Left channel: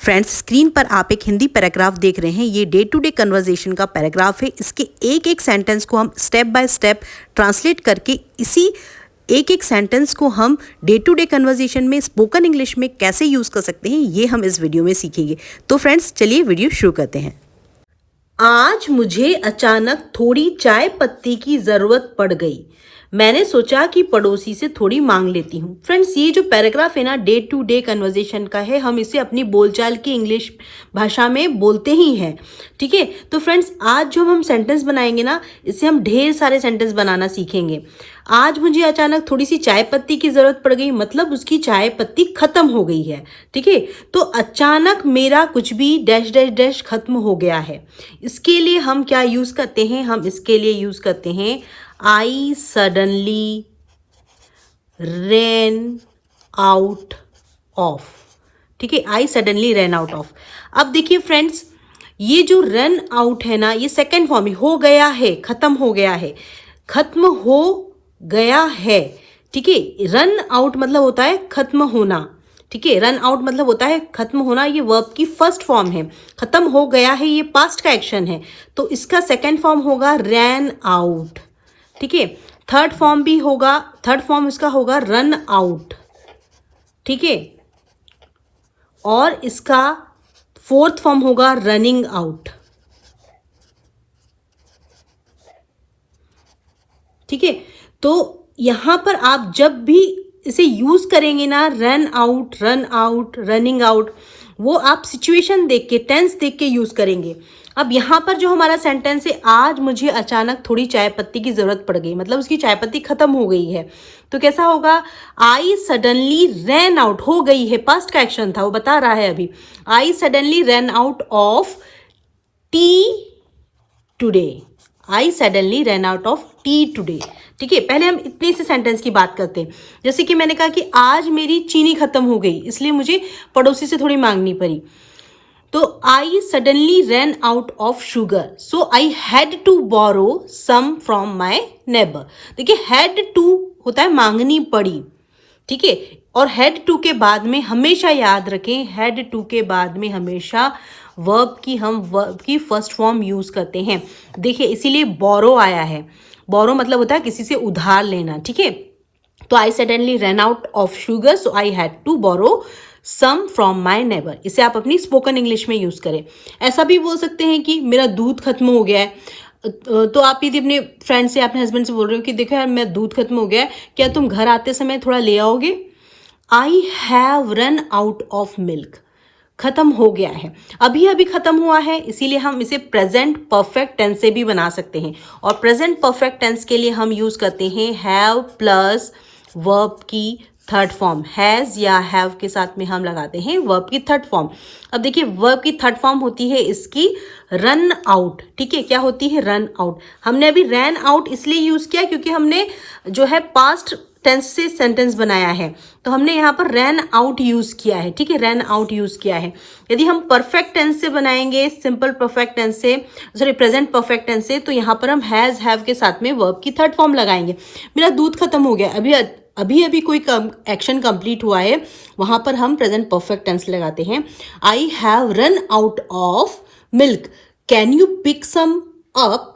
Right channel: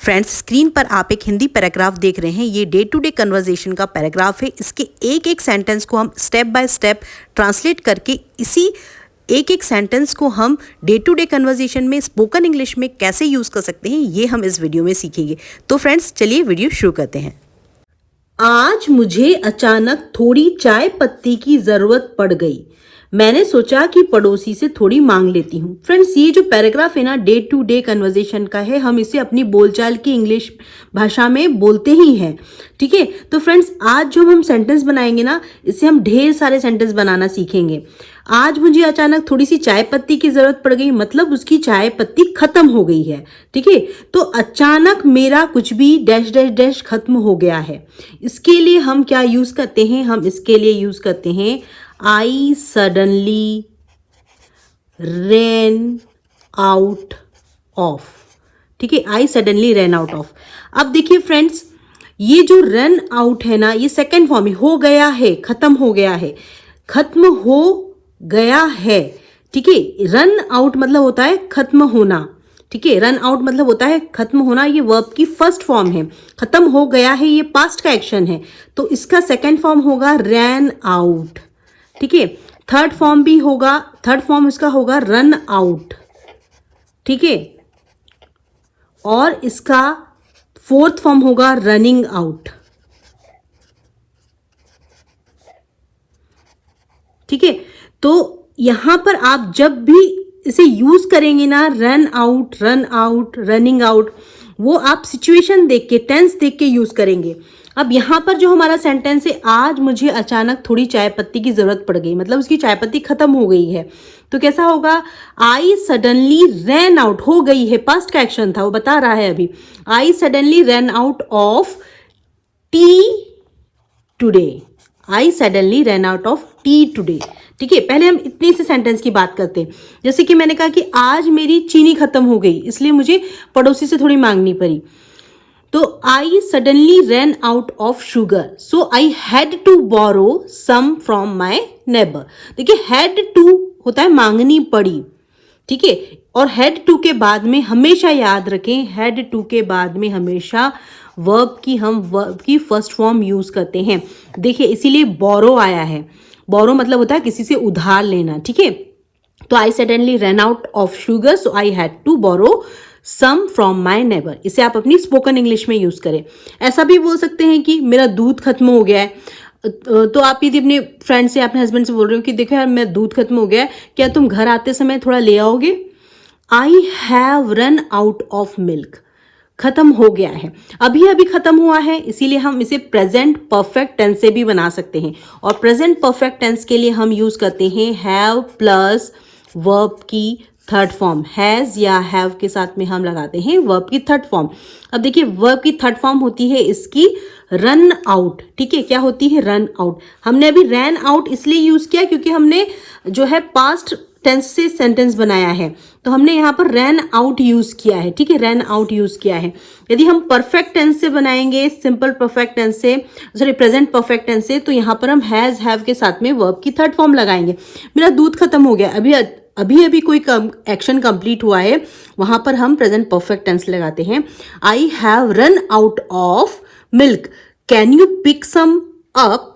Friends, screen पर आप एक हिंदी पैराग्राफ देख रहे हैं। ये डे टू डे कन्वर्सेशन का पैराग्राफ है। इसके एक एक सेंटेंस को हम स्टेप बाय स्टेप ट्रांसलेट करके इसी एक एक सेंटेंस को हम डे टू डे कन्वर्सेशन में स्पोकन इंग्लिश में कैसे यूज़ कर सकते हैं, ये हम इस वीडियो में सीखेंगे। तो फ्रेंड्स, चलिए वीडियो शुरू करते हैं। आज मुझे अचानक थोड़ी चाय पत्ती की जरूरत पड़ गई। मैंने सोचा कि पड़ोसी से थोड़ी मांग लेती हूँ। फ्रेंड्स, ये जो पैराग्राफ है ना, डे टू डे कन्वर्सेशन का है। हम इसे अपनी बोलचाल की इंग्लिश भाषा में बोलते ही हैं, ठीक है। तो फ्रेंड्स, आज जो हम सेंटेंस बनाएंगे ना, इससे हम ढेर सारे सेंटेंस बनाना सीखेंगे। आज मुझे अचानक थोड़ी सी चाय पत्ती की जरूरत पड़ गई, मतलब उसकी चाय पत्ती खत्म हो गई है, ठीक है। तो अचानक मेरा कुछ भी डैश डैश डैश खत्म हो गया है। इसके लिए हम क्या यूज करते हैं? हम इसके लिए यूज करते हैं आई सडनली रैन आउट ऑफ, ठीक है। आई सडनली रैन आउट ऑफ। अब देखिए फ्रेंड्स, ये जो रन आउट है ना, ये सेकेंड फॉर्म है। हो गया है, खत्म हो गया है, खत्म हो गया है, ठीक है। रन आउट मतलब होता है खत्म होना, ठीक है। रन आउट मतलब होता है खत्म होना। ये वर्ब की फर्स्ट फॉर्म है। खत्म हो गया है, ये पास्ट का एक्शन है, तो इसका सेकेंड फॉर्म होगा रैन आउट, ठीक है। थर्ड फॉर्म भी होगा, थर्ड फॉर्म इसका होगा रन आउट, ठीक है। और इसका फोर्थ फॉर्म होगा रनिंग आउट, ठीक है। तो यहां पर आप जब भी इसे यूज करेंगे ना, run out, run out, running out, वो आप सिचुएशन देख के, टेंस देख के यूज करेंगे। अब यहां पर जो हमारा सेंटेंस है, आज मुझे अचानक थोड़ी चाय पत्ती की जरूरत पड़ गई, मतलब उसकी चाय पत्ती खत्म हो गई है। तो कैसा होगा? आई सडनली रैन आउट, हो गई है, पास्ट का एक्शन था, वो बता रहा है अभी। आई suddenly ran out of T today. I suddenly ran out of T today, ठीक है। पहले हम इतनी से सेंटेंस की बात करते हैं। जैसे कि मैंने कहा कि आज मेरी चीनी खत्म हो गई, इसलिए मुझे पड़ोसी से थोड़ी मांगनी पड़ी। तो I suddenly ran out of sugar, so I had to borrow some from my neighbour. देखिए, हैड टू होता है मांगनी पड़ी, ठीक है। और हैड टू के बाद में हमेशा याद रखें, हैड टू के बाद में हमेशा वर्ब की हम वर्ब की फर्स्ट फॉर्म यूज करते हैं। देखिए, इसीलिए बोरो आया है। बोरो मतलब होता है किसी से उधार लेना, ठीक है। तो I suddenly run out of sugar, so I had to borrow some from my neighbour. इसे आप अपनी स्पोकन इंग्लिश में यूज करें। ऐसा भी बोल सकते हैं कि मेरा दूध खत्म हो गया है। तो आप यदि अपने फ्रेंड से, अपने हस्बैंड से बोल रहे हो कि देखो यार, मेरा दूध खत्म हो गया है, क्या तुम घर आते समय थोड़ा ले आओगे? आई have run out of milk, खत्म हो गया है, अभी अभी खत्म हुआ है, इसीलिए हम इसे प्रेजेंट परफेक्ट टेंस से भी बना सकते हैं। और प्रेजेंट परफेक्ट टेंस के लिए हम यूज करते हैं हैव प्लस वर्ब की थर्ड फॉर्म। हैज या हैव के साथ में हम लगाते हैं वर्ब की थर्ड फॉर्म। अब देखिए, वर्ब की थर्ड फॉर्म होती है इसकी रन आउट, ठीक है। क्या होती है? Run out. हमने अभी रैन आउट इसलिए यूज किया क्योंकि हमने जो है पास्ट टेंस से सेंटेंस बनाया है, तो हमने यहाँ पर रैन आउट यूज किया है, ठीक है। रैन आउट यूज किया है। यदि हम परफेक्ट टेंस से बनाएंगे, सिंपल परफेक्ट टेंस से, सॉरी प्रेजेंट परफेक्ट टेंस से, तो यहाँ पर हम हैज हैव के साथ में वर्ब की थर्ड फॉर्म लगाएंगे। मेरा दूध खत्म हो गया, अभी अभी कोई एक्शन कंप्लीट हुआ है, वहां पर हम प्रेजेंट परफेक्ट टेंस लगाते हैं। I have run out of milk, can you pick some up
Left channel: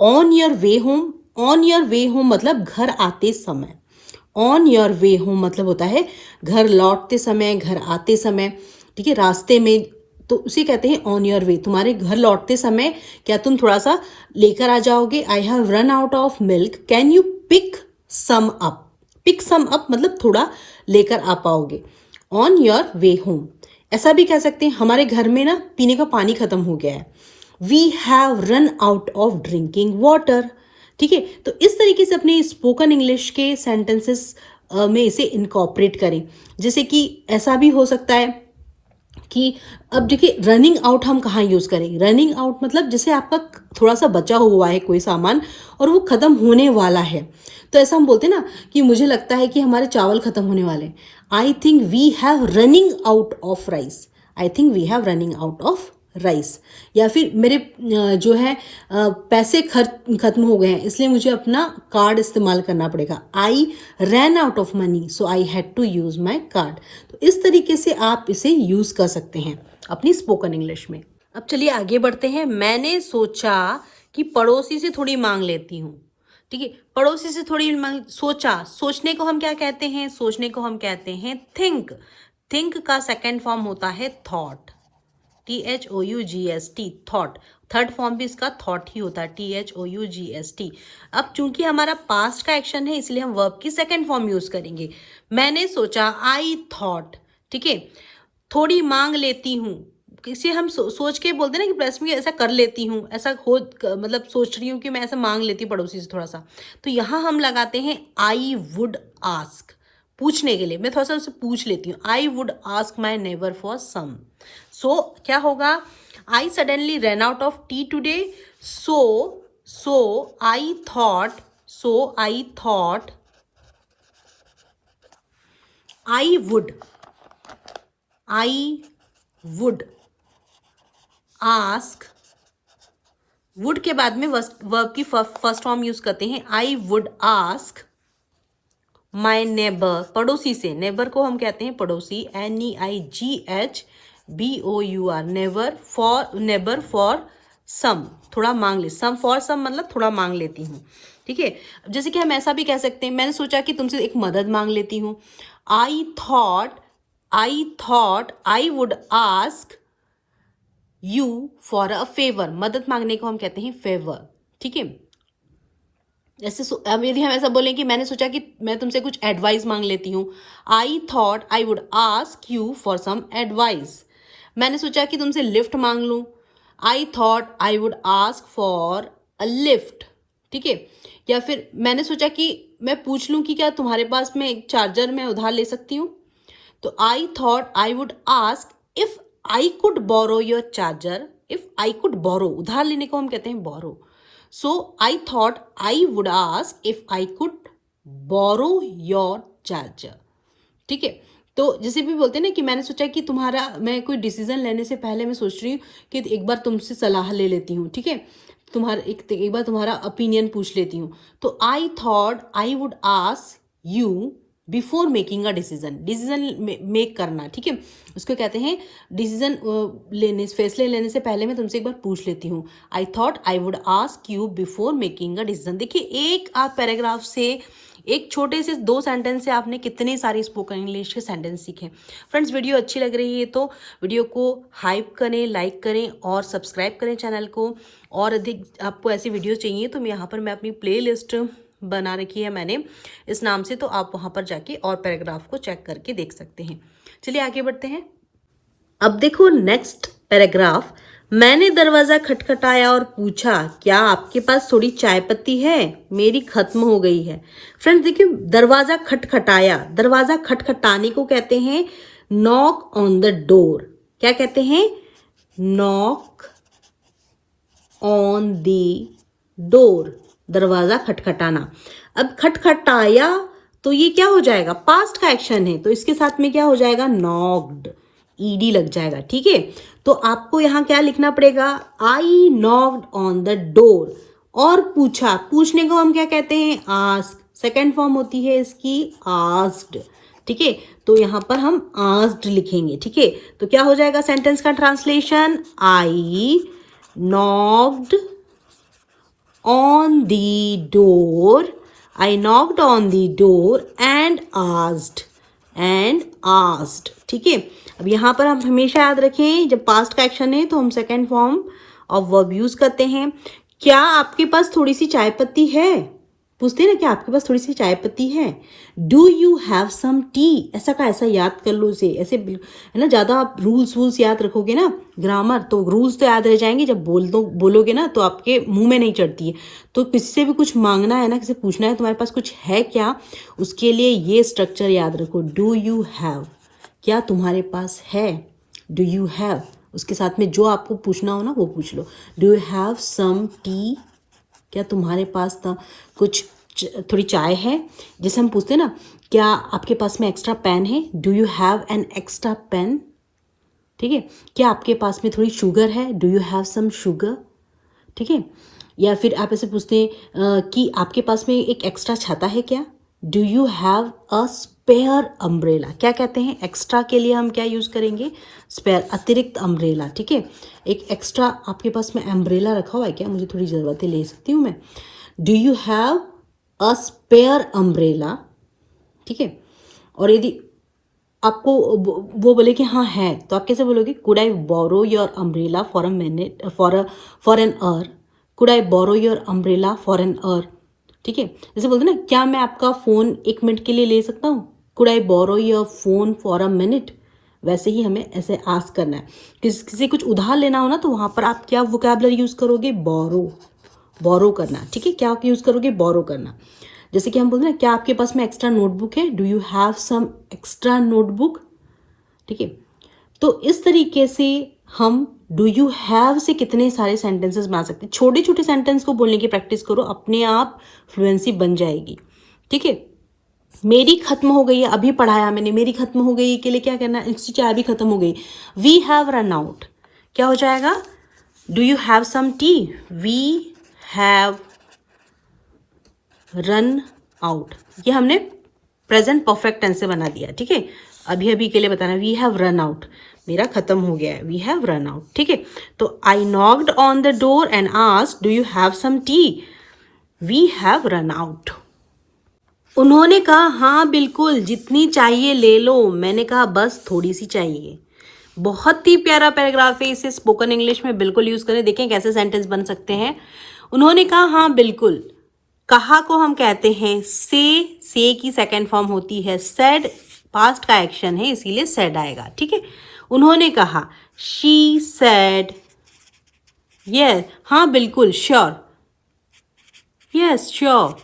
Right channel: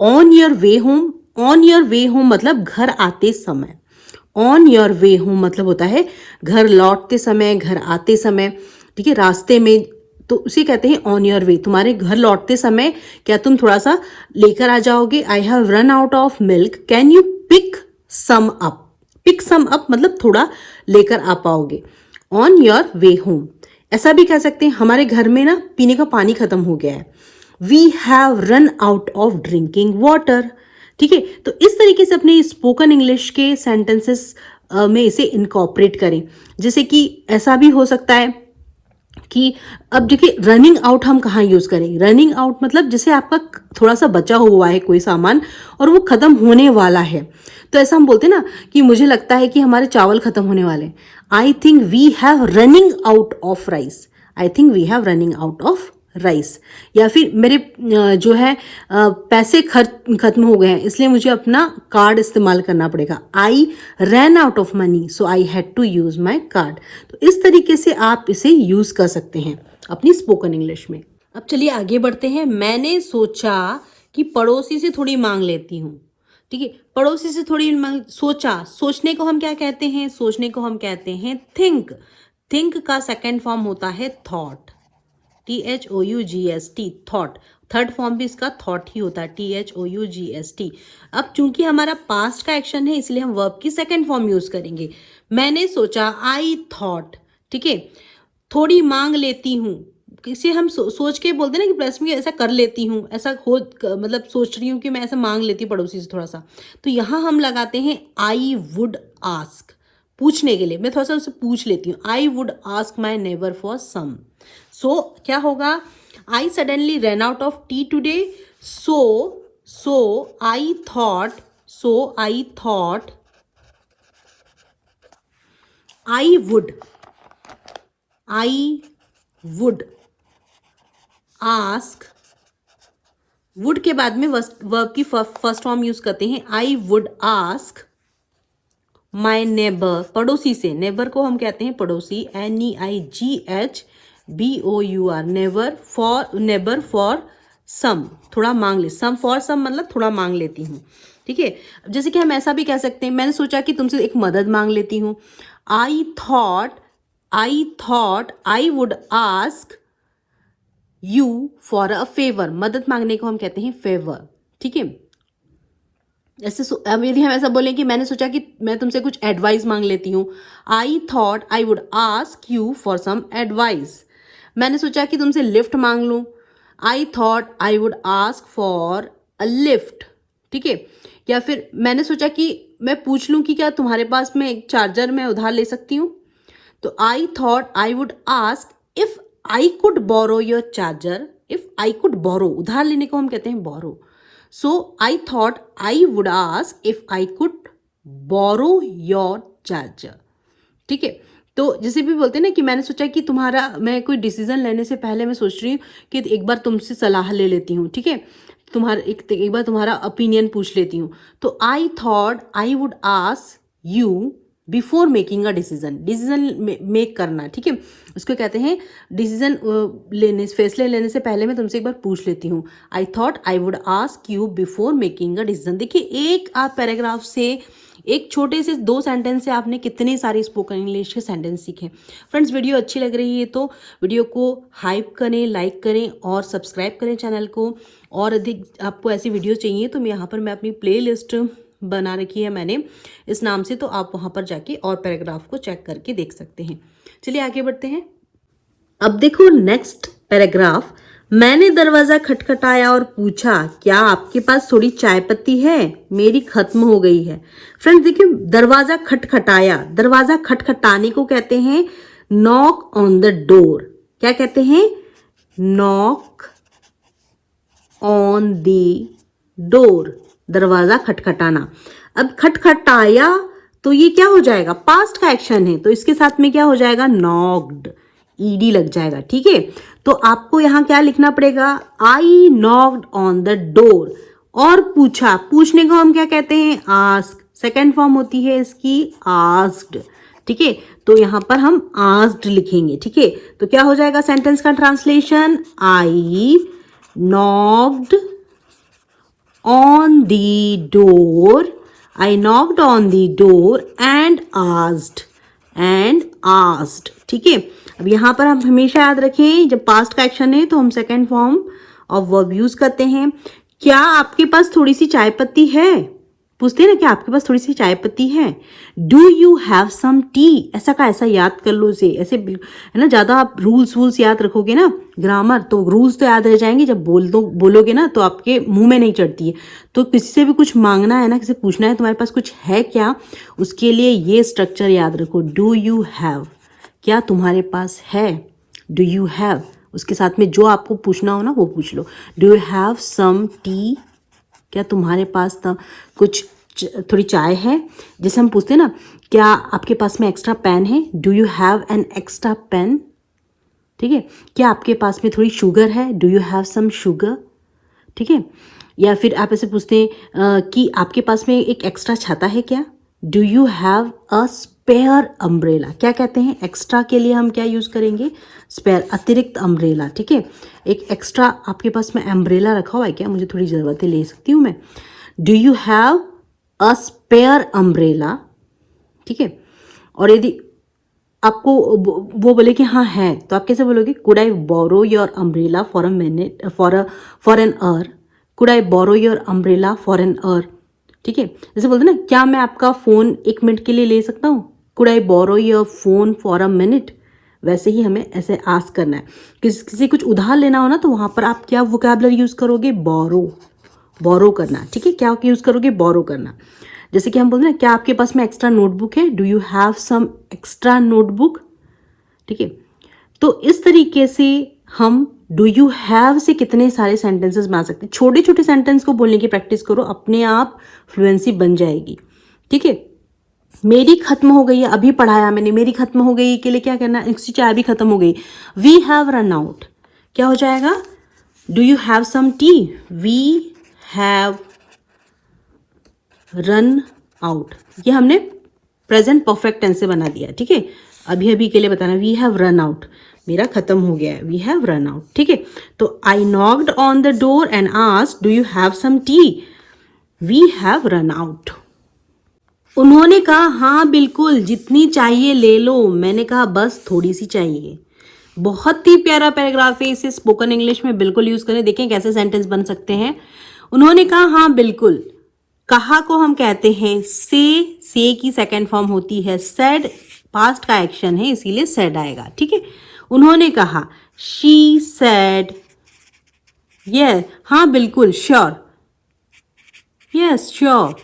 on your way home. On your way home मतलब घर आते समय। ऑन योर वे होम मतलब होता है घर लौटते समय, घर आते समय, ठीक है, रास्ते में, तो उसे कहते हैं ऑन योर वे। तुम्हारे घर लौटते समय क्या तुम थोड़ा सा लेकर आ जाओगे? I have run out of milk, can you pick some up. Pick some up मतलब थोड़ा लेकर आ पाओगे। On your way home. ऐसा भी कह सकते हैं, हमारे घर में ना पीने का पानी खत्म हो गया है। We have run out of drinking water, ठीक है। तो इस तरीके से अपने स्पोकन इंग्लिश के सेंटेंसेस में इसे इनकॉर्पोरेट करें। जैसे कि ऐसा भी हो सकता है कि अब देखिए, रनिंग आउट हम कहाँ यूज करें? रनिंग आउट मतलब जैसे आपका थोड़ा सा बचा हुआ है कोई सामान और वो खत्म होने वाला है, तो ऐसा हम बोलते हैं ना कि मुझे लगता है कि हमारे चावल खत्म होने वाले हैं। I think we have running out of rice. I think we have running out of rice, या फिर मेरे जो है पैसे खत्म हो गए हैं इसलिए मुझे अपना कार्ड इस्तेमाल करना पड़ेगा। I ran out of money so I had to use my card. तो इस तरीके से आप इसे यूज कर सकते हैं अपनी स्पोकन इंग्लिश में। अब चलिए आगे बढ़ते हैं। मैंने सोचा कि पड़ोसी से थोड़ी मांग लेती हूँ। ठीक है, पड़ोसी से थोड़ी सोचा, सोचने को हम क्या कहते हैं? सोचने को हम कहते हैं थिंक। थिंक का सेकेंड फॉर्म होता है thought, THOUGST, thought. Third form भी इसका थॉट ही होता है, THOUGST। अब चूंकि हमारा पास्ट का एक्शन है इसलिए हम वर्ब की सेकेंड फॉर्म यूज करेंगे। मैंने सोचा, आई थॉट। ठीक है, थोड़ी मांग लेती हूँ, किसी हम सोच के बोलते ना कि प्लस में ऐसा कर लेती हूँ, ऐसा हो मतलब सोच रही हूँ कि मैं ऐसा मांग लेती हूँ पड़ोसी से थोड़ा सा, तो यहाँ हम लगाते हैं आई वुड आस्क। पूछने के लिए मैं थोड़ा सा उससे पूछ लेती हूँ। I would ask my neighbour for some. So क्या होगा? I suddenly run out of tea today, so I thought I would ask. Would के बाद में वर्ब की फर्स्ट फॉर्म यूज करते हैं। आई वुड आस्क माई नेबर, पड़ोसी से। नेबर को हम कहते हैं पड़ोसी, NEIGHBOUR, नेबर फॉर सम, थोड़ा मांग ले। सम फॉर सम मतलब थोड़ा मांग लेती हूँ। ठीक है, जैसे कि हम ऐसा भी कह सकते हैं, मैंने सोचा कि तुमसे एक मदद मांग लेती हूँ। I thought I would ask you for a favour. मदद मांगने को हम कहते हैं फेवर। ठीक है, ऐसे यदि हम ऐसा बोलें कि मैंने सोचा कि मैं तुमसे कुछ एडवाइस मांग लेती हूँ। I thought I would ask you for some advice. मैंने सोचा कि तुमसे लिफ्ट मांग लूँ। I thought I would ask for a lift. ठीक है, या फिर मैंने सोचा कि मैं पूछ लूँ कि क्या तुम्हारे पास में एक चार्जर मैं उधार ले सकती हूँ। तो I thought I would ask if I could borrow your charger. If I could borrow, उधार लेने को हम कहते हैं borrow. So I thought I would ask if I could borrow your charger. ठीक है, तो जैसे भी बोलते हैं ना कि मैंने सोचा कि मैं कोई डिसीजन लेने से पहले मैं सोच रही हूँ कि एक बार तुमसे सलाह ले लेती हूँ। ठीक है, एक बार तुम्हारा ओपिनियन पूछ लेती हूँ। तो I thought I would ask you before making a decision make करना। ठीक है, उसको कहते हैं डिसीजन फैसले लेने से पहले मैं तुमसे एक बार पूछ लेती हूँ। I thought I would ask you before making a decision. देखिए, एक आप पैराग्राफ से, एक छोटे से 2 सेंटेंस से आपने कितने सारे स्पोकन इंग्लिश के सेंटेंस सीखे। फ्रेंड्स, वीडियो अच्छी लग रही है तो वीडियो को हाइप करें, लाइक करें और सब्सक्राइब करें चैनल को। और अधिक आपको ऐसी वीडियो चाहिए तो मैं अपनी प्ले लिस्ट बना रखी है मैंने इस नाम से, तो आप वहां पर जाके और पैराग्राफ को चेक करके देख सकते हैं। चलिए आगे बढ़ते हैं। अब देखो नेक्स्ट पैराग्राफ। मैंने दरवाजा खटखटाया और पूछा, क्या आपके पास थोड़ी चाय पत्ती है? मेरी खत्म हो गई है। फ्रेंड्स देखिए, दरवाजा खटखटाया, दरवाजा खटखटाने को कहते हैं नॉक ऑन द डोर। क्या कहते हैं? नॉक ऑन द डोर, दरवाजा खटखटाना। अब खटखटाया तो ये क्या हो जाएगा? पास्ट का एक्शन है, तो इसके साथ में क्या हो जाएगा? नॉक्ड, ईडी लग जाएगा। ठीक है, तो आपको यहां क्या लिखना पड़ेगा? आई नॉक्ड ऑन द डोर। और पूछा, पूछने को हम क्या कहते हैं? आस्क। सेकेंड फॉर्म होती है इसकी आस्क्ड। ठीक है, तो यहां पर हम आस्क्ड लिखेंगे। ठीक है, तो क्या हो जाएगा सेंटेंस का translation? I knocked on the door, I knocked on the door and asked। ठीक है, अब यहाँ पर हम हमेशा याद रखें, जब पास्ट का एक्शन है तो हम second form of verb use करते हैं। क्या आपके पास थोड़ी सी चाय पत्ती है? पूछते हैं ना, क्या आपके पास थोड़ी सी चाय पत्ती है? Do you have some tea? ऐसा का ऐसा याद कर लो इसे, ऐसे है ना। ज्यादा आप रूल्स याद रखोगे ना, ग्रामर, तो रूल्स तो याद रह जाएंगे। जब बोलोगे ना तो आपके मुंह में नहीं चढ़ती है। तो किसी से भी कुछ मांगना है ना, किसी पूछना है तुम्हारे पास कुछ है क्या, उसके लिए ये स्ट्रक्चर याद रखो। डू यू हैव, क्या तुम्हारे पास है? डू यू हैव, उसके साथ में जो आपको पूछना हो ना वो पूछ लो। Do you have some tea, क्या तुम्हारे पास कुछ थोड़ी चाय है? जैसे हम पूछते हैं ना, क्या आपके पास में एक्स्ट्रा पेन है? Do you have an extra pen? ठीक है, क्या आपके पास में थोड़ी शुगर है, do you have some sugar, ठीक है। या फिर आप ऐसे पूछते हैं कि आपके पास में एक एक्स्ट्रा छाता है क्या, do you have a spare umbrella. क्या कहते हैं, एक्स्ट्रा के लिए हम क्या यूज़ करेंगे, स्पेयर, अतिरिक्त अम्ब्रेला, ठीक है। एक एक्स्ट्रा आपके पास में अम्ब्रेला रखा हुआ है क्या, मुझे थोड़ी ज़रूरत है, ले सकती हूँ मैं, do you have a spare umbrella, ठीक है। और यदि आपको वो बोले कि हाँ है, तो आप कैसे बोलोगे, could I borrow your umbrella for a minute, for an hour, could I borrow your umbrella for an hour, ठीक है। जैसे बोलते ना, क्या मैं आपका फ़ोन 1 मिनट के लिए ले सकता हूँ, could I borrow your phone for a minute. वैसे ही हमें ऐसे आस्क करना है, किसी कुछ उधार लेना हो ना, तो वहाँ पर आप क्या वोकैबुलरी यूज़ करोगे, बोरो करना, ठीक है। क्या यूज़ करोगे, बोरो करना। जैसे कि हम बोलते हैं, क्या आपके पास में एक्स्ट्रा नोटबुक है, do you have some extra notebook, ठीक है। तो इस तरीके से हम डू यू हैव से कितने सारे सेंटेंसेस बना सकते हैं। छोटे छोटे सेंटेंस को बोलने की प्रैक्टिस करो, अपने आप फ्लुएंसी बन जाएगी, ठीक है। मेरी खत्म हो गई है, अभी पढ़ाया मैंने, मेरी खत्म हो गई के लिए क्या करना है, इसकी चाय भी खत्म हो गई, वी हैव रन आउट, क्या हो जाएगा, do you have some tea, we have run out. ये हमने प्रेजेंट परफेक्ट टेंस से बना दिया, ठीक है। अभी अभी के लिए बताना, वी हैव रन आउट, मेरा खत्म हो गया है, वी हैव रन आउट, ठीक है। तो I knocked on the door and asked do you have some tea, we have run out. उन्होंने कहा हाँ बिल्कुल, जितनी चाहिए ले लो, मैंने कहा बस थोड़ी सी चाहिए। बहुत ही प्यारा पैराग्राफ है, इसे स्पोकन इंग्लिश में बिल्कुल यूज करें, देखें कैसे सेंटेंस बन सकते हैं। उन्होंने कहा हाँ बिल्कुल, कहा को हम कहते हैं से की सेकंड फॉर्म होती है, सेड पास्ट का एक्शन है, इसीलिए सेड आएगा, ठीक है। उन्होंने कहा, शी सेड, यस, हाँ बिल्कुल, श्योर, यस श्योर,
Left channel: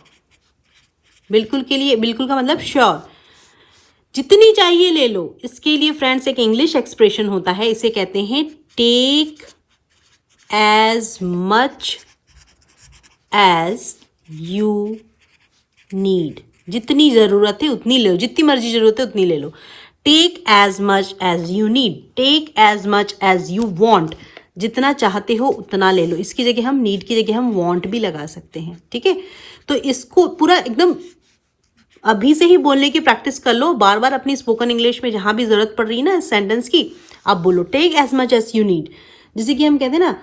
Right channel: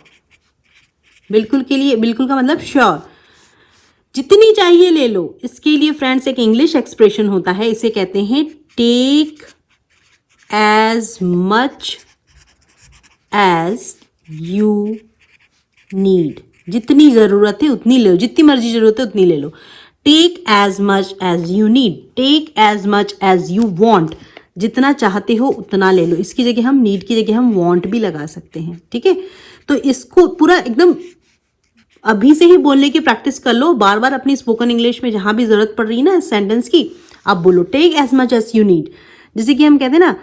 बिल्कुल के लिए, बिल्कुल का मतलब श्योर। जितनी चाहिए ले लो, इसके लिए फ्रेंड्स एक इंग्लिश एक्सप्रेशन होता है, इसे कहते हैं take as much as you need. जितनी जरूरत है उतनी ले लो, जितनी मर्जी जरूरत है उतनी ले लो। Take as much as you need, take as much as you want, जितना चाहते हो उतना ले लो। इसकी जगह हम नीड की जगह हम वॉन्ट भी लगा सकते हैं, ठीक है। तो इसको पूरा एकदम अभी से ही बोलने की प्रैक्टिस कर लो, बार बार अपनी स्पोकन इंग्लिश में जहां भी जरूरत पड़ रही है ना सेंटेंस की, आप बोलो take as much as you need. जैसे कि हम कहते हैं ना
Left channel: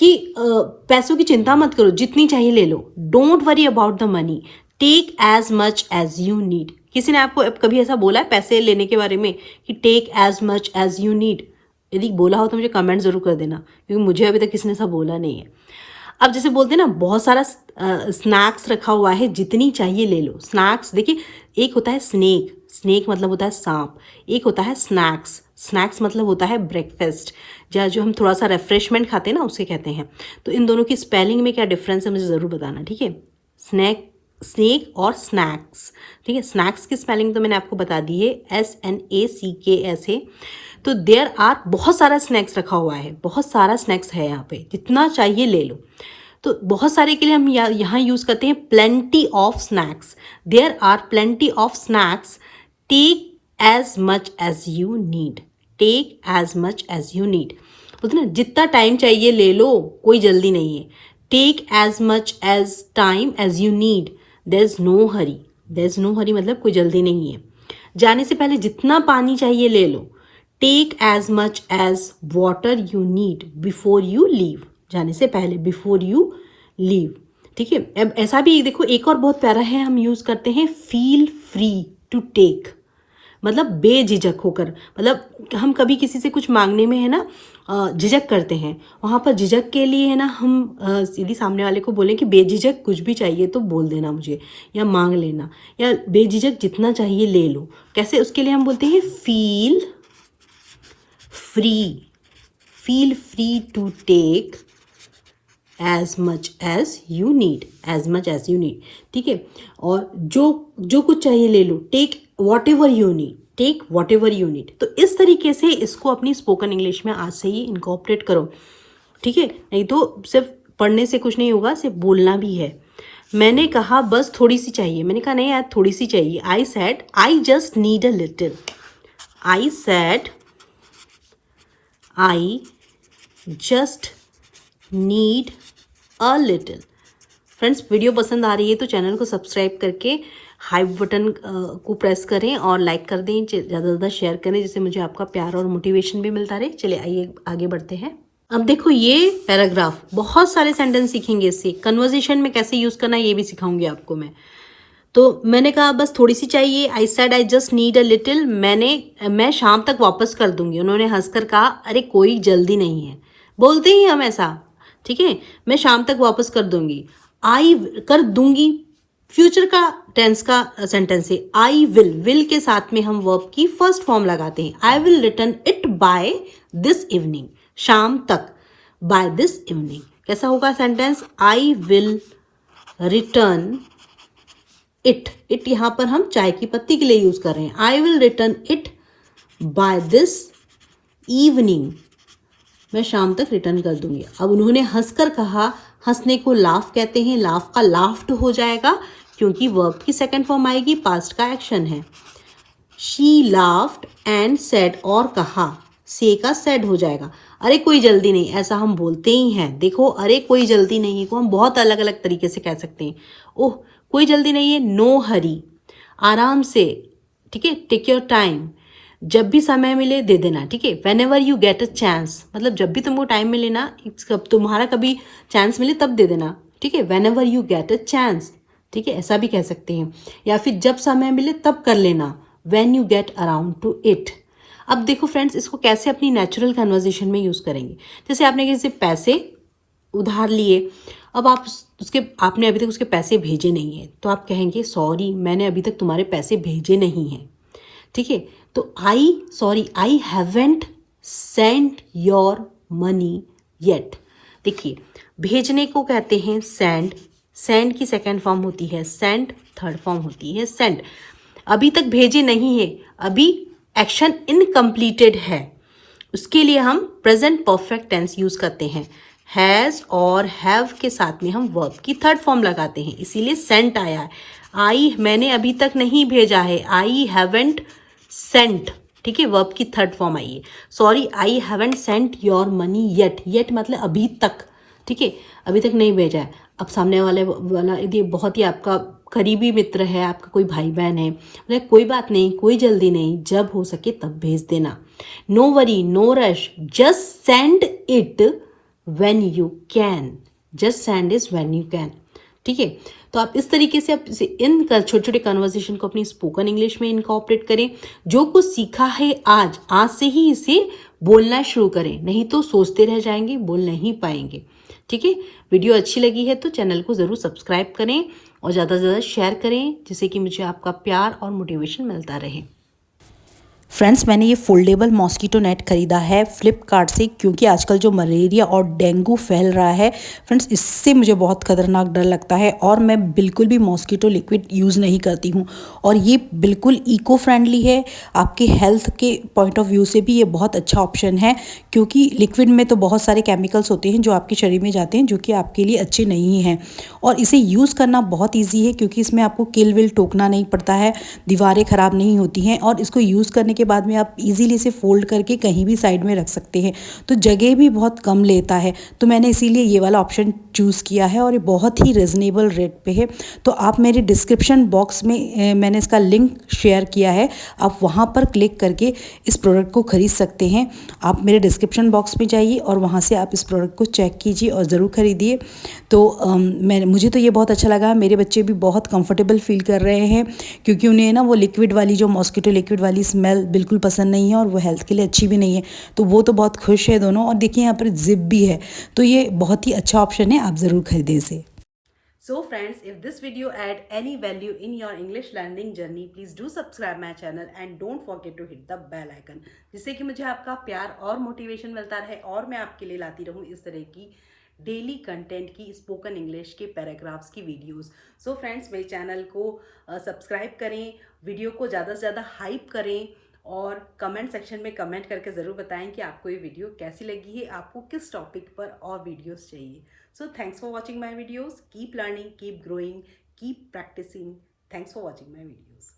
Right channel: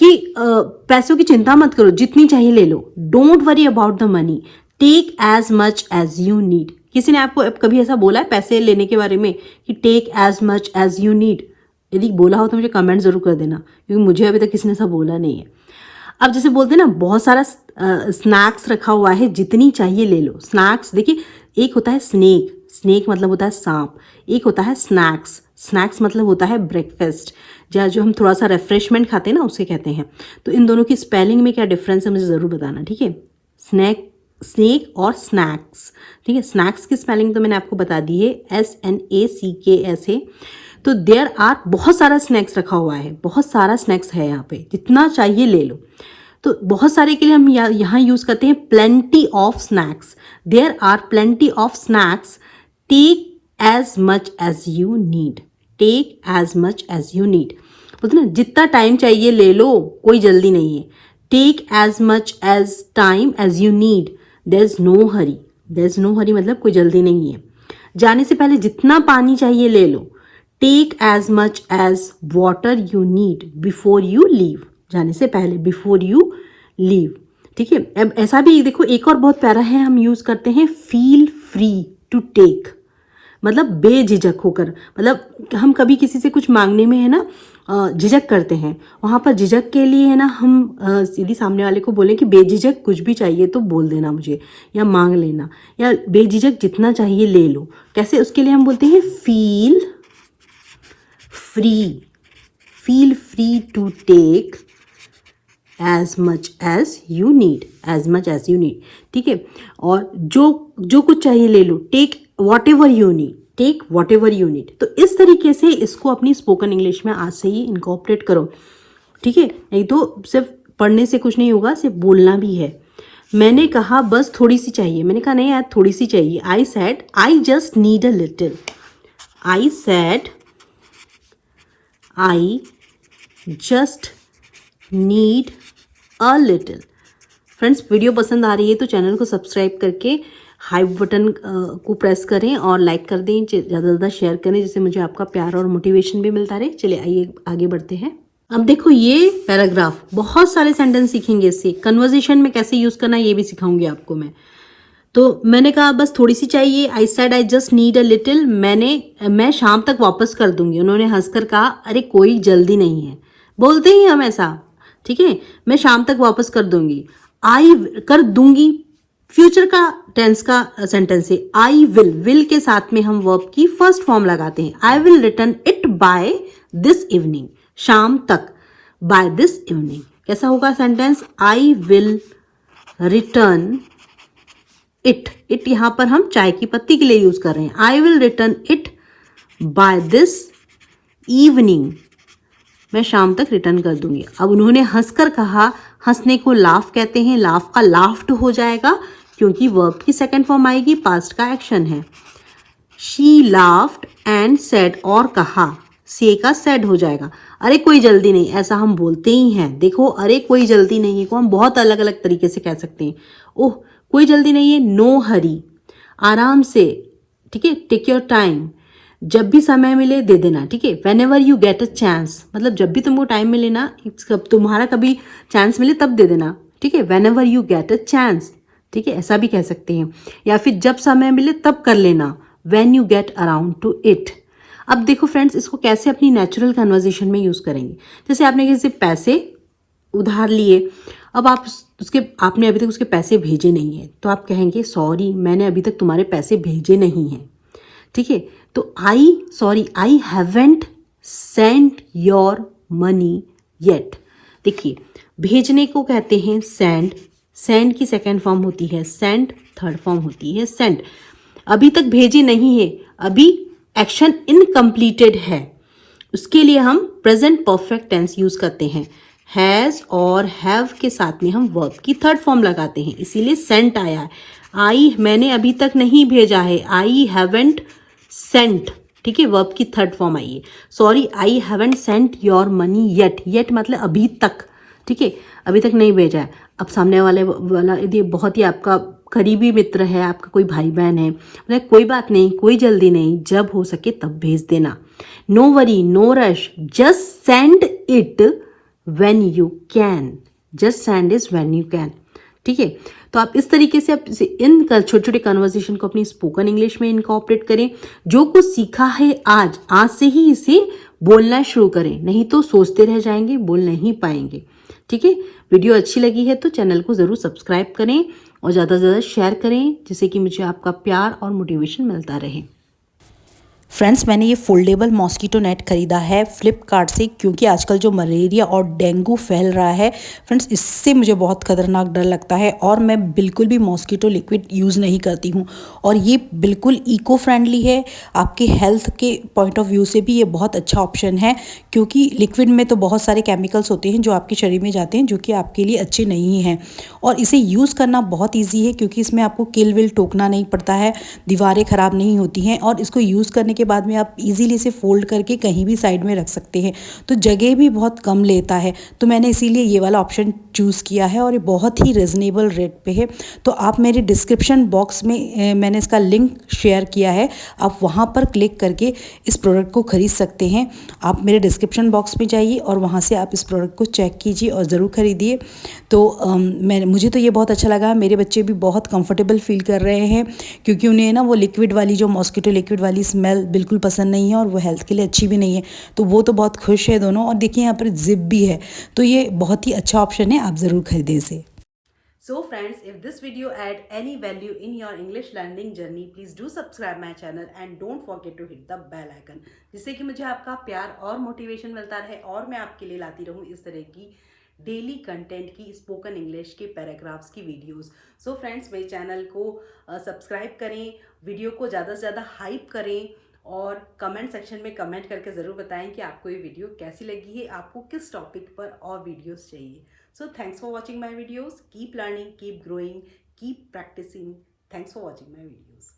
कि पैसों की चिंता मत करो, जितनी चाहिए ले लो, don't worry about the money, take as much as you need. किसी ने आपको कभी ऐसा बोला है पैसे लेने के बारे में कि take as much as you need? यदि बोला हो तो मुझे कमेंट जरूर कर देना, क्योंकि मुझे अभी तक किसी ने ऐसा बोला नहीं है। अब जैसे बोलते हैं ना, बहुत सारा स्नैक्स रखा हुआ है, जितनी चाहिए ले लो। स्नैक्स देखिए, एक होता है स्नेक, स्नेक मतलब होता है सांप, एक होता है स्नैक्स, स्नैक्स मतलब होता है ब्रेकफास्ट, या जो हम थोड़ा सा रिफ्रेशमेंट खाते हैं ना, उसे कहते हैं। तो इन दोनों की स्पेलिंग में क्या डिफरेंस है मुझे ज़रूर बताना, ठीक है। स्नेक और स्नैक्स, ठीक है। स्नैक्स की स्पेलिंग तो मैंने आपको बता दी है, SNACKS है। तो देयर आर, बहुत सारा स्नैक्स रखा हुआ है, बहुत सारा स्नैक्स है यहाँ पे, जितना चाहिए ले लो। तो बहुत सारे के लिए हम यहाँ यूज करते हैं plenty of snacks, there are plenty of snacks, take as much as you need, take as much as you need. बोलते ना, जितना टाइम चाहिए ले लो, कोई जल्दी नहीं है। Take as much as time as you need, there is no hurry, there is no hurry मतलब कोई जल्दी नहीं है। जाने से पहले जितना पानी चाहिए ले लो, take as much as water you need before you leave, जाने से पहले, बिफोर यू लीव, ठीक है। अब ऐसा भी देखो, एक और बहुत प्यारा है, हम यूज करते हैं फील फ्री टू टेक, मतलब बेझिझक होकर। मतलब हम कभी किसी से कुछ मांगने में है ना झिझक करते हैं, वहाँ पर झिझक के लिए है ना, हम यदि सामने वाले को बोले कि बेझिझक कुछ भी चाहिए तो बोल देना मुझे, या मांग लेना, या बेझिझक जितना चाहिए ले लो। कैसे, उसके लिए हम बोलते हैं feel free, feel free to take as much as you need, as much as you need, ठीक है। और जो कुछ चाहिए ले लो, take whatever you need, take whatever you need. तो इस तरीके से इसको अपनी स्पोकन इंग्लिश में आज से ही इनकॉर्पोरेट करो, ठीक है। नहीं तो सिर्फ पढ़ने से कुछ नहीं होगा, सिर्फ बोलना भी है। मैंने कहा बस थोड़ी सी चाहिए, मैंने कहा नहीं यार थोड़ी सी चाहिए। I said I just need a little, I said I just need a little. Friends, video पसंद आ रही है तो चैनल को सब्सक्राइब करके हाइप बटन को प्रेस करें और लाइक कर दें, ज़्यादा से ज़्यादा शेयर करें, जिससे मुझे आपका प्यार और मोटिवेशन भी मिलता रहे। चलिए आइए आगे बढ़ते हैं। अब देखो ये पैराग्राफ, बहुत सारे सेंटेंस सीखेंगे इससे। कन्वर्सेशन में कैसे यूज़ करना है ये भी सिखाऊंगी आपको मैं। तो मैंने कहा बस थोड़ी सी चाहिए। I said I just need a little. मैं शाम तक वापस कर दूंगी। उन्होंने हंसकर कहा अरे कोई जल्दी नहीं है। बोलते ही हम ऐसा, ठीक है। मैं शाम तक वापस कर दूंगी। आई कर दूंगी फ्यूचर का टेंस का सेंटेंस है। आई विल के साथ में हम वर्ब की फर्स्ट फॉर्म लगाते हैं। I will return it by this evening. शाम तक, बाय दिस इवनिंग। कैसा होगा sentence? I will return it यहां पर हम चाय की पत्ती के लिए यूज कर रहे हैं। I will return it by this evening. मैं शाम तक रिटर्न कर दूंगी। अब उन्होंने हंसकर कहा। हंसने को लाफ कहते हैं। लाफ का लाफ्ड हो जाएगा क्योंकि वर्ब की सेकंड फॉर्म आएगी, पास्ट का एक्शन है। शी लाफ्ड एंड सेड, और कहा। से का सेड हो जाएगा। अरे कोई जल्दी नहीं, ऐसा हम बोलते ही हैं। देखो, अरे कोई जल्दी नहीं है को हम बहुत अलग अलग तरीके से कह सकते हैं। ओह कोई जल्दी नहीं है, नो हरी, आराम से, ठीक है, टेक योर टाइम। जब भी समय मिले दे देना, ठीक है। When ever you get a chance, मतलब जब भी तुमको टाइम मिले ना, तुम्हारा कभी चांस मिले तब दे देना, ठीक है। When ever you get a chance, ठीक है, ऐसा भी कह सकते हैं। या फिर जब समय मिले तब कर लेना, when you get around two it. अब देखो फ्रेंड्स, इसको कैसे अपनी नेचुरल कन्वर्जेशन में यूज करेंगे। जैसे आपने किसी से पैसे उधार लिए, अब आपने अभी तक उसके पैसे भेजे नहीं है, तो आप कहेंगे सॉरी मैंने अभी तक तुम्हारे पैसे भेजे नहीं हैं, ठीक है। तो I haven't sent your money yet. देखिए, भेजने को कहते हैं सेंड। सेंड की सेकेंड फॉर्म होती है सेंट, थर्ड फॉर्म होती है सेंट। अभी तक भेजे नहीं है, अभी एक्शन इनकम्प्लीटेड है, उसके लिए हम प्रेजेंट परफेक्ट टेंस यूज करते हैं। हैज और हैव के साथ में हम वर्ब की थर्ड फॉर्म लगाते हैं, इसीलिए सेंट आया है। मैंने अभी तक नहीं भेजा है, आई हैवेंट सेंट, ठीक है, वर्ब की थर्ड फॉर्म आई है। Sorry I haven't sent your money yet. Yet मतलब अभी तक, ठीक है, अभी तक नहीं भेजा है। अब सामने वाला यदि बहुत ही आपका करीबी मित्र है, आपका कोई भाई बहन है, मतलब कोई बात नहीं, कोई जल्दी नहीं, जब हो सके तब भेज देना। No worry, no rush, just send it when you can. Just send is when you can, ठीक है। तो आप इस तरीके से इन छोटे छोटे कन्वर्सेशन को अपनी स्पोकन इंग्लिश में इनकॉर्पोरेट करें। जो कुछ सीखा है आज से ही इसे बोलना शुरू करें, नहीं तो सोचते रह जाएंगे, बोल नहीं पाएंगे, ठीक है। वीडियो अच्छी लगी है तो चैनल को ज़रूर सब्सक्राइब करें और ज़्यादा से ज़्यादा शेयर करें, जिससे कि मुझे आपका प्यार और मोटिवेशन मिलता रहे। फ्रेंड्स, मैंने ये फोल्डेबल मॉस्कीटो नेट खरीदा है फ्लिपकार्ट से, क्योंकि आजकल जो मलेरिया और डेंगू फैल रहा है फ्रेंड्स, इससे मुझे बहुत खतरनाक डर लगता है और मैं बिल्कुल भी मॉस्कीटो लिक्विड यूज़ नहीं करती हूँ। और ये बिल्कुल इको फ्रेंडली है, आपके हेल्थ के पॉइंट ऑफ व्यू से भी ये बहुत अच्छा ऑप्शन है, क्योंकि लिक्विड में तो बहुत सारे केमिकल्स होते हैं जो आपके शरीर में जाते हैं, जो कि आपके लिए अच्छे नहीं हैं। और इसे यूज़ करना बहुत ईजी है, क्योंकि इसमें आपको किल विल टोकना नहीं पड़ता है, दीवारें ख़राब नहीं होती हैं, और इसको यूज़ करने के बाद में आप इजीली इसे फोल्ड करके कहीं भी साइड में रख सकते हैं, तो जगह भी बहुत कम लेता है। तो मैंने इसीलिए ये वाला ऑप्शन चूज़ किया है और ये बहुत ही रिजनेबल रेट पे है। तो आप मेरे डिस्क्रिप्शन बॉक्स में मैंने इसका लिंक शेयर किया है, आप वहाँ पर क्लिक करके इस प्रोडक्ट को ख़रीद सकते हैं। आप मेरे डिस्क्रिप्शन बॉक्स में जाइए और वहाँ से आप इस प्रोडक्ट को चेक कीजिए और ज़रूर ख़रीदिए। तो मुझे तो ये बहुत अच्छा लगा। मेरे बच्चे भी बहुत कंफर्टेबल फील कर रहे हैं, क्योंकि उन्हें ना वो लिक्विड वाली, जो मॉस्किटो लिक्विड वाली स्मेल बिल्कुल पसंद नहीं है और वो हेल्थ के लिए अच्छी भी नहीं है। तो वो तो बहुत खुश है दोनों। और देखिए यहाँ पर जिप भी है, तो ये बहुत ही अच्छा ऑप्शन है, आप ज़रूर खरीदें इसे। So friends, if this video add any value in your English learning journey, please do subscribe my channel and don't forget to hit the bell icon, जिससे कि मुझे आपका प्यार और मोटिवेशन मिलता रहे और मैं आपके लिए लाती रहूँ इस तरह की डेली कंटेंट की स्पोकन इंग्लिश के पैराग्राफ्स की वीडियोस। सो फ्रेंड्स, मेरे चैनल को सब्सक्राइब करें, वीडियो को ज़्यादा से ज़्यादा हाइप करें और कमेंट सेक्शन में कमेंट करके ज़रूर बताएं कि आपको ये वीडियो कैसी लगी है, आपको किस टॉपिक पर और वीडियोस चाहिए। So thanks for watching my videos. Keep learning, keep growing, keep practicing. Thanks for watching my videos.